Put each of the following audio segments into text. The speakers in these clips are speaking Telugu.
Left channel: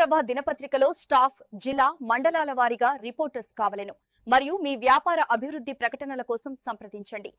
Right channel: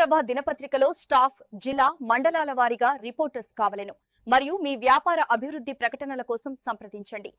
ప్రభ దినపత్రికలో స్టాఫ్ జిల్లా మండలాల వారీగా రిపోర్టర్స్ కావలను. మరియు మీ వ్యాపార అభివృద్ధి ప్రకటనల కోసం సంప్రదించండి.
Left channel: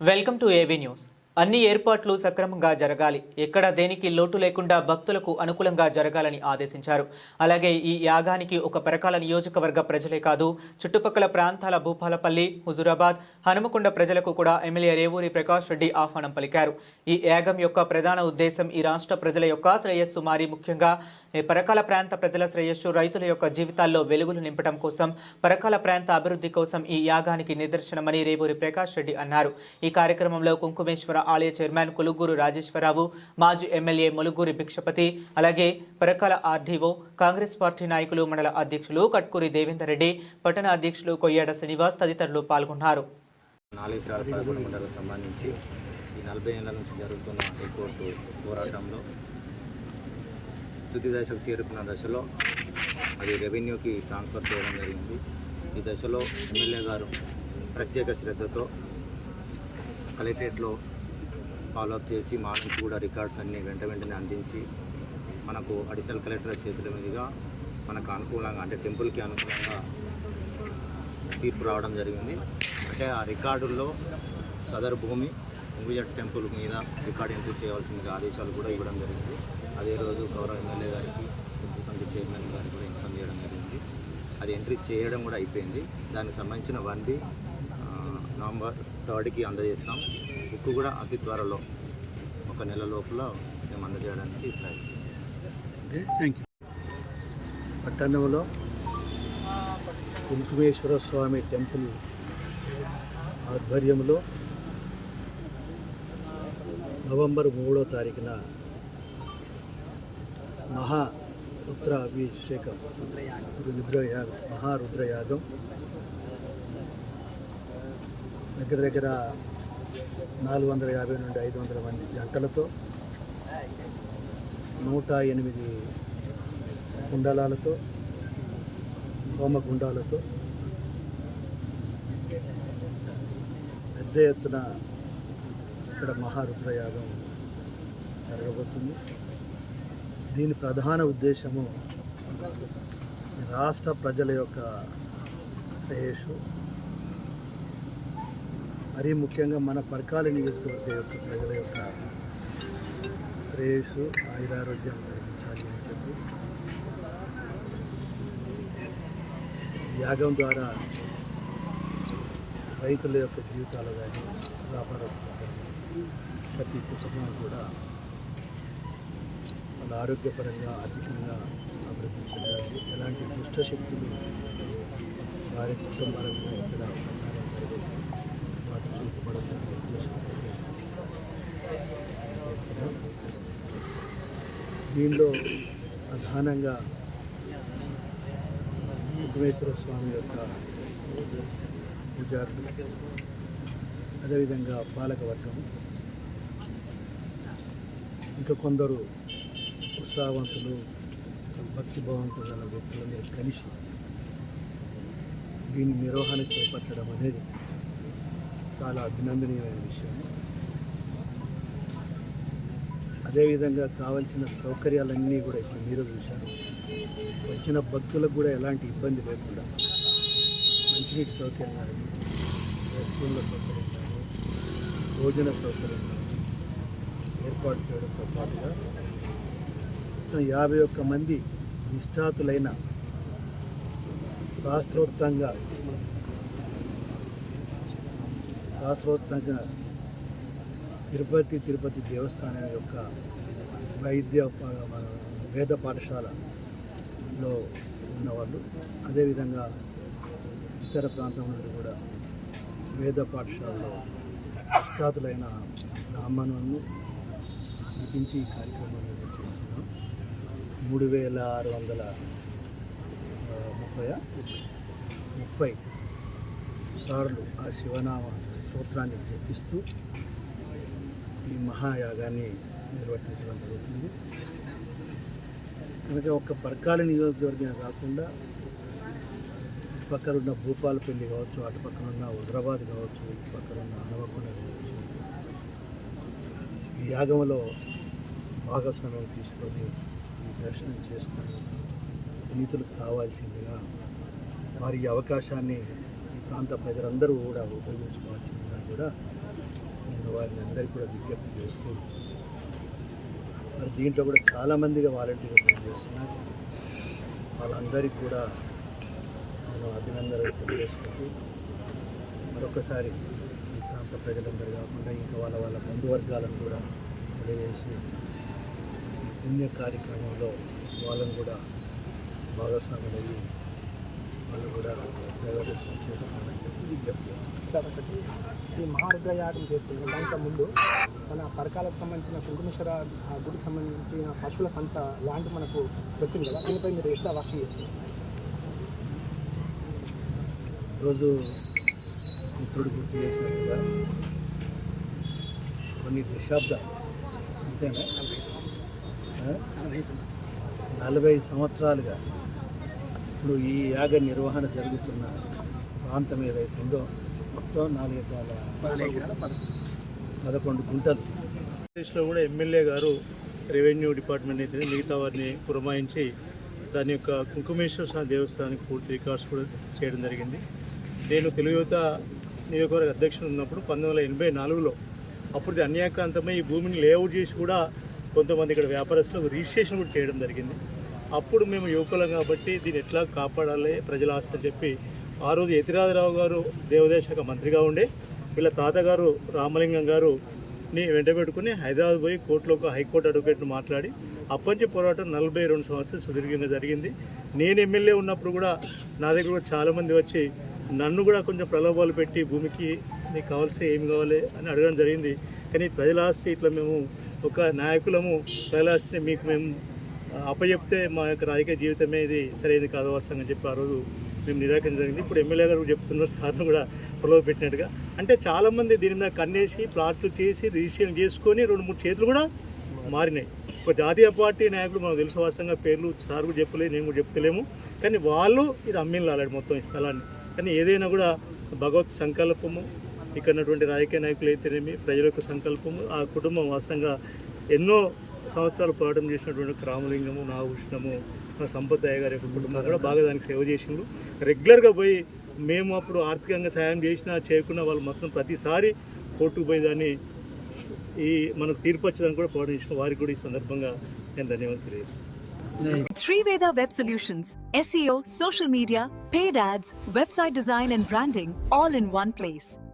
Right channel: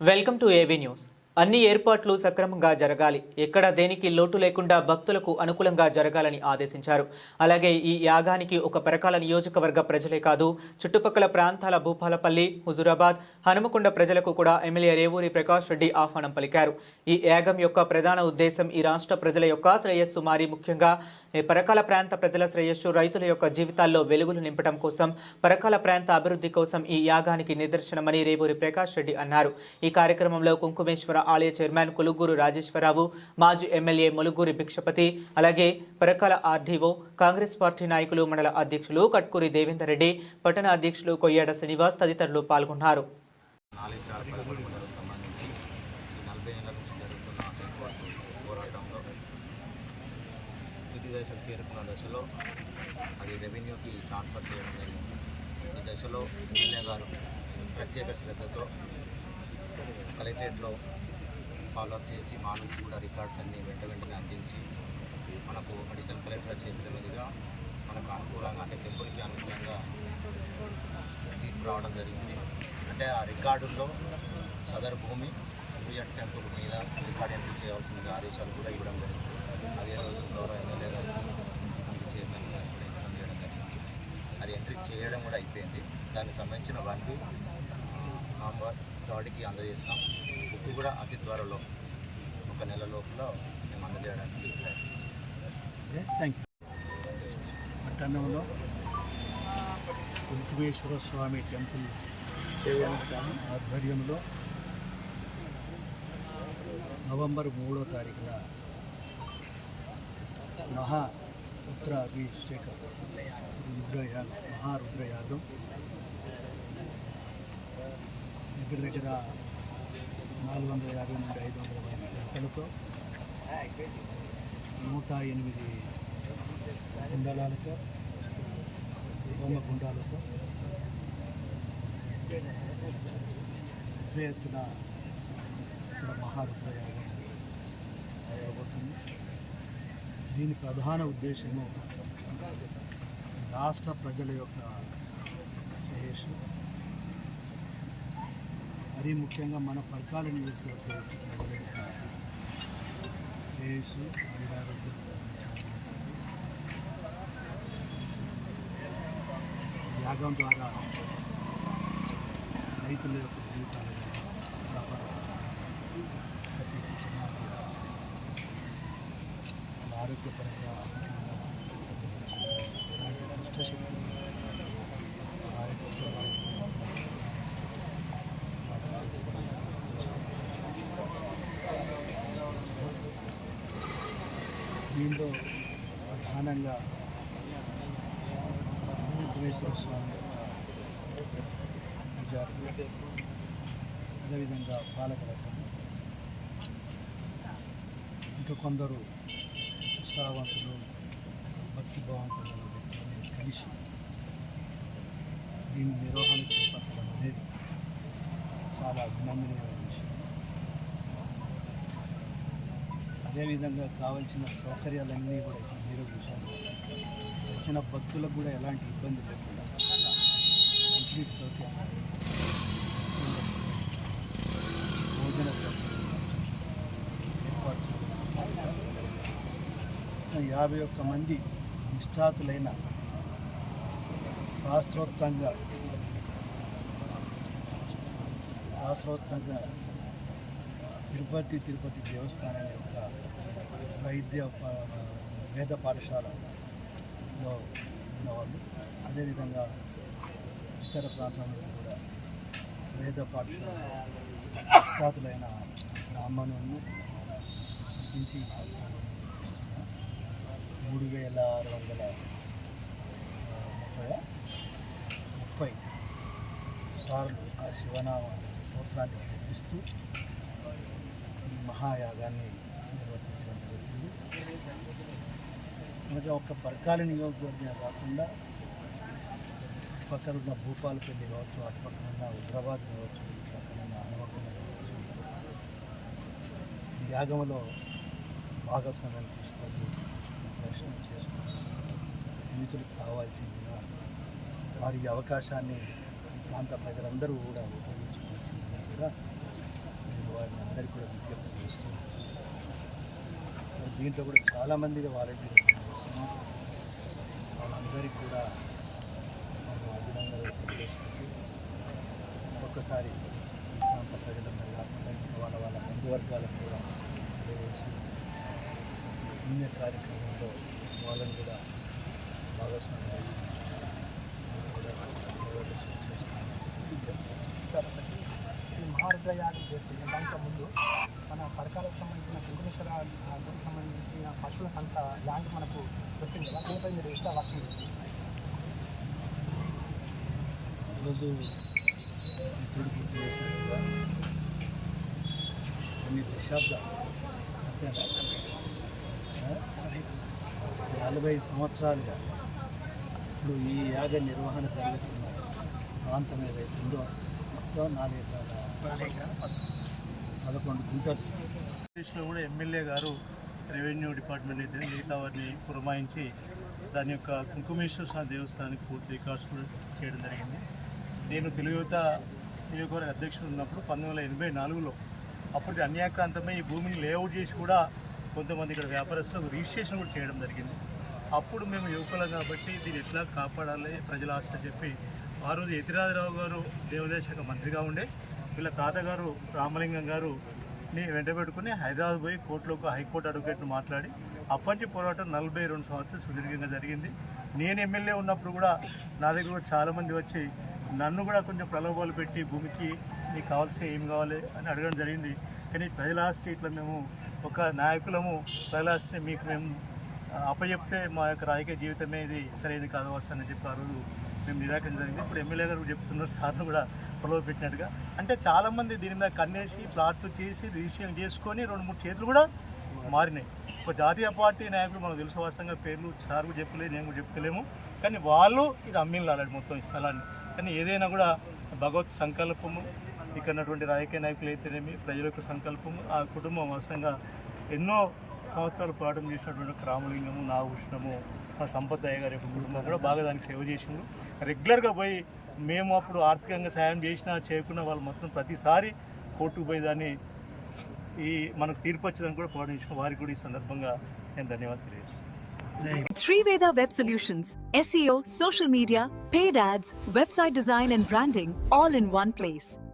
వెల్కమ్ టు ఏవీ న్యూస్ అన్ని ఏర్పాట్లు సక్రమంగా జరగాలి. ఎక్కడ దేనికి లోటు లేకుండా భక్తులకు అనుకూలంగా జరగాలని ఆదేశించారు. అలాగే ఈ యాగానికి ఒక పరకాల నియోజకవర్గ ప్రజలే కాదు చుట్టుపక్కల ప్రాంతాల భూపాలపల్లి హుజురాబాద్ హనుమకొండ ప్రజలకు కూడా ఎమ్మెల్యే రేవూరి ప్రకాష్ రెడ్డి ఆహ్వానం పలికారు. ఈ యాగం యొక్క ప్రధాన ఉద్దేశం ఈ రాష్ట్ర ప్రజల యొక్క శ్రేయస్సు మారి ముఖ్యంగా ఈ పరకాల ప్రాంత ప్రజల శ్రేయస్సు రైతుల యొక్క జీవితాల్లో వెలుగులు నింపడం కోసం పరకాల ప్రాంత అభివృద్ధి కోసం ఈ యాగానికి నిదర్శనమని రేవూరి ప్రకాష్ రెడ్డి అన్నారు. ఈ కార్యక్రమంలో కుంకుమేశ్వర ఆలయ చైర్మన్ కులుగూరు రాజేశ్వరరావు మాజీ ఎమ్మెల్యే ములుగూరి భిక్షపతి అలాగే పరకాల ఆర్డీఓ కాంగ్రెస్ పార్టీ నాయకులు మండల అధ్యక్షులు కట్కూరి దేవేందర్ రెడ్డి పట్టణ అధ్యక్షులు కొయ్యాడ శ్రీనివాస్ తదితరులు పాల్గొన్నారు. నాలుగు ఎకరాల పదకొండు మండలకు సంబంధించి ఈ నలభై ఏళ్ళ నుంచి జరుగుతున్న హైకోర్టు పోరాటంలో తుది దశకు చేరుకున్న దశలో అది రెవెన్యూకి ట్రాన్స్ఫర్ చేయడం జరిగింది. ఈ దశలో ఎమ్మెల్యే గారు ప్రత్యేక శ్రద్ధతో కలెక్టరేట్లో ఫాలోఅప్ చేసి మా నుంచి కూడా రికార్డ్స్ అన్నీ వెంట వెంటనే అందించి మనకు అడిషనల్ కలెక్టర్ చేతుల మీదుగా మనకు అనుకూలంగా అంటే టెంపుల్కి అనుకూలంగా తీర్పు రావడం జరిగింది. అంటే ఆ రికార్డుల్లో సదరు భూమి ఉంగుజట్ టెంపుల్ మీద రికార్డ్ ఎంట్రీ చేయాల్సిందిగా ఆదేశాలు కూడా ఇవ్వడం జరిగింది. అదే రోజు గౌరవ ఎమ్మెల్యే గారికి కమిటీ చైర్మన్ గారికి కూడా ఇన్ఫామ్ చేయడం జరిగింది. అది ఎంట్రీ చేయడం కూడా అయిపోయింది. దానికి సంబంధించిన వన్ బి నవంబర్ థర్డ్కి అందజేస్తాం. బుక్ కూడా అతి త్వరలో ఒక నెల లోపల మేము అందజేయడానికి ప్రయత్నిస్తాం. ఓకే థ్యాంక్ యూ పట్టణంలో కుంకుమేశ్వర స్వామి టెంపుల్ ఆధ్వర్యంలో నవంబర్ మూడో తారీఖున మహా రుద్ర అభిషేకం రుద్రయాగం మహారుద్రయాగం దగ్గర దగ్గర నాలుగు వందల యాభై నుండి ఐదు వందల మంది జంటలతో నూట ఎనిమిది కుండలాలతో హోమగుండాలతో పెద్ద ఎత్తున ఇక్కడ మహారుద్రయాగం జరగబోతుంది. దీని ప్రధాన ఉద్దేశము రాష్ట్ర ప్రజల యొక్క శ్రేయస్సు మరీ ముఖ్యంగా మన పరకాల నియోజకవర్గ యొక్క ప్రజల యొక్క శ్రేయస్సు ఆయురారోగ్యం కలిగించాలి అని చెప్పి యాగం ద్వారా రైతుల యొక్క జీవితాలు కానీ వ్యాపారస్తులు ప్రతి కుటుంబానికి కూడా వాళ్ళ ఆరోగ్యపరంగా ఆర్థికంగా అభివృద్ధి చెందాలి. ఎలాంటి దుష్టశక్తులు వారి కుటుంబాల మీద ఎక్కడ జరగదు వాటి చూపబడం దాని ఉద్దేశంతో చేస్తున్నాం. దీనిలో ప్రధానంగా వెంకటేశ్వర స్వామి యొక్క పూజారులు అదేవిధంగా పాలకవర్గం ఇంకా కొందరు ఉత్సాహవంతులు భక్తిభావంతులు గల వ్యక్తులందరూ కలిసి దీన్ని నిర్వహణ చేపట్టడం అనేది చాలా అభినందనీయమైన విషయం. అదేవిధంగా కావలసిన సౌకర్యాలన్నీ కూడా ఇప్పుడు మీరు చూశారు. వచ్చిన భక్తులకు కూడా ఎలాంటి ఇబ్బంది లేకుండా మంచినీటి సౌకర్యం కానీ వస్తువుల సౌకర్యం కానీ భోజన సౌకర్యం కానీ ఏర్పాటు చేయడంతో పాటుగా మొత్తం యాభై ఒక్క మంది నిష్ఠాతులైన శాస్త్రోక్తంగా శాస్త్రోక్తంగా తిరుపతి తిరుపతి దేవస్థానం యొక్క వైద్య వేద పాఠశాలలో ఉన్నవాళ్ళు. అదేవిధంగా ఇతర ప్రాంతం నుండి కూడా వేద పాఠశాలలో నిష్ఠాతులైన బ్రాహ్మణులను పిలిపించి ఈ కార్యక్రమాన్ని నిర్వహిస్తున్నాం మూడు వేల ఆరు వందల ముప్పై ముప్పై సార్లు ఆ శివనామ స్తోత్రాన్ని జపిస్తూ ఈ మహాయాగాన్ని నిర్వర్తించడం జరుగుతుంది. కనుక ఒక పర్కాల నియోజకవర్గం కాకుండా ఇటు భూపాలపల్లి కావచ్చు అటు పక్కన ఉన్న హుజరాబాద్ కావచ్చు ఇటు పక్కన ఉన్న హనుమకొండ కావచ్చు ఈ యాగంలో భాగస్వామ్యం తీసుకొని ఈ దర్శనం చేసుకుని పునీతులకు కావాల్సిందిగా వారి అవకాశాన్ని ఈ ప్రాంత ప్రజలందరూ కూడా ఉపయోగించుకోవాల్సిందిగా కూడా నేను వారిని అందరికీ కూడా విజ్ఞప్తి చేస్తూ మరి దీంట్లో కూడా చాలామందిగా వాలంటీర్గా పనిచేస్తున్నారు. వాళ్ళందరికీ కూడా నేను అభినందనలు తెలియజేసుకుంటూ మరొకసారి ఈ ప్రాంత ప్రజలందరూ కాకుండా ఇంకా వాళ్ళ వాళ్ళ బంధువర్గాలను కూడా తెలియజేసి పుణ్య కార్యక్రమంలో వాళ్ళని కూడా భాగస్వాములు అయ్యి వాళ్ళు కూడా దైవదర్శనం చేసుకోవాలని చెప్పి విజ్ఞప్తి చేస్తున్నాను ఈ మహారుద్ర యాగం చేస్తుంది దాంట్లో ముందు మన పరకాలకు సంబంధించిన శంకరేశ్వర ఆ, గుడికి సంబంధించిన పశువుల సంత ల్యాండ్ మనకు వచ్చింది కదా దీనిపై మీరు ఎట్లా వర్షం చేస్తారు ఈరోజు మిత్రుడు గుర్తు చేసినట్టుగా కొన్ని దశాబ్దాలు అంతేనా? నలభై సంవత్సరాలుగా ఇప్పుడు ఈ యాగ నిర్వహణ జరుగుతున్న ప్రాంతం ఏదైతే ఉందో మొత్తం నాలుగు ఎకరాల పదకొండు గుంటలు. ఆంధ్రప్రదేశ్లో కూడా ఎమ్మెల్యే గారు రెవెన్యూ డిపార్ట్మెంట్ అయితే మిగతా వారిని పురమాయించి దాని యొక్క కుంకుమేశ్వర స్వామి దేవస్థానానికి పూర్తి రికార్డ్స్ కూడా చేయడం జరిగింది. నేను తెలుగు యువత నియోజకవర్గ అధ్యక్షుడు ఉన్నప్పుడు పంతొమ్మిది వందల ఎనభై నాలుగులో అప్పుడు అన్యాక్రాంతమై ఈ భూమిని లేఅవుట్ చేసి కూడా కొంతమంది ఇక్కడ వ్యాపారస్తులకు రిజిస్ట్రేషన్ కూడా చేయడం జరిగింది. అప్పుడు మేము యువకులం కాబట్టి దీన్ని ఎట్లా కాపాడాలి ప్రజల ఆస్తి అని చెప్పి ఆ రోజు యతిరాజరావు గారు దేవాదాయ శాఖ మంత్రిగా ఉండే వీళ్ళ తాతగారు రామలింగం గారు ని వెంటపెట్టుకుని హైదరాబాద్ పోయి కోర్టులో ఒక హైకోర్టు అడ్వకేట్ను మాట్లాడి అప్పటి పోరాటం నలభై రెండు సంవత్సరాలు సుదీర్ఘంగా జరిగింది. నేను ఎమ్మెల్యే ఉన్నప్పుడు కూడా నా దగ్గర కూడా చాలామంది వచ్చి నన్ను కూడా కొంచెం ప్రలోభాలు పెట్టి భూమికి నీకు కావాల్సి ఏం కావాలి అని అడగడం జరిగింది. కానీ ప్రజల ఆస్తి ఇట్లా మేము ఒక నాయకులము ప్రజల మీకు మేము అప్పచెప్తే మా యొక్క రాజకీయ జీవితమే ఇది సరైనది కాదు వస్తానని చెప్పి ఆ రోజు మేము నిరాకరించడం జరిగింది. ఇప్పుడు ఎమ్మెల్యే గారు చెప్తున్నారు సార్ను కూడా పొలవ పెట్టినట్టుగా. అంటే చాలామంది దీని మీద కన్నేసి ప్లాట్లు చేసి రిజిస్ట్రేషన్ చేసుకొని రెండు మూడు చేతులు కూడా మారినాయి. ఒక జాతీయ పార్టీ నాయకులు మనకు తెలుసు వాస్తవంగా పేర్లు సార్ కూడా చెప్పలేదు నేను కూడా చెప్తలేము. కానీ వాళ్ళు ఇది అమ్మిన లాలాడు మొత్తం ఈ స్థలాన్ని. కానీ ఏదైనా కూడా భగవత్ సంకల్పము ఇక్కడ ఉన్నటువంటి రాజకీయ నాయకులు అయితేనేమి ప్రజల యొక్క సంకల్పము ఆ కుటుంబం వాస్తవంగా ఎన్నో సంవత్సరాలు పోరాటం చేసినటువంటి రామలింగము నాగభూషణము మా సంపతయ్య గారి యొక్క కుటుంబం కూడా బాగా దానికి సేవ చేసిండ్రు రెగ్యులర్గా పోయి మేము అప్పుడు ఆర్థికంగా సాయం చేసినా చేయకుండా వాళ్ళు మొత్తం ప్రతిసారి కోర్టుకు పోయి దాన్ని ఈ మనకు తీర్పు వచ్చేదాన్ని కూడా పోరాటం చేసిన వారికి కూడా ఈ సందర్భంగా నేను ధన్యవాదాలు తెలియజేస్తాను Three Veda Web Solutions SEO, social media, paid ads, website design and branding all in one place.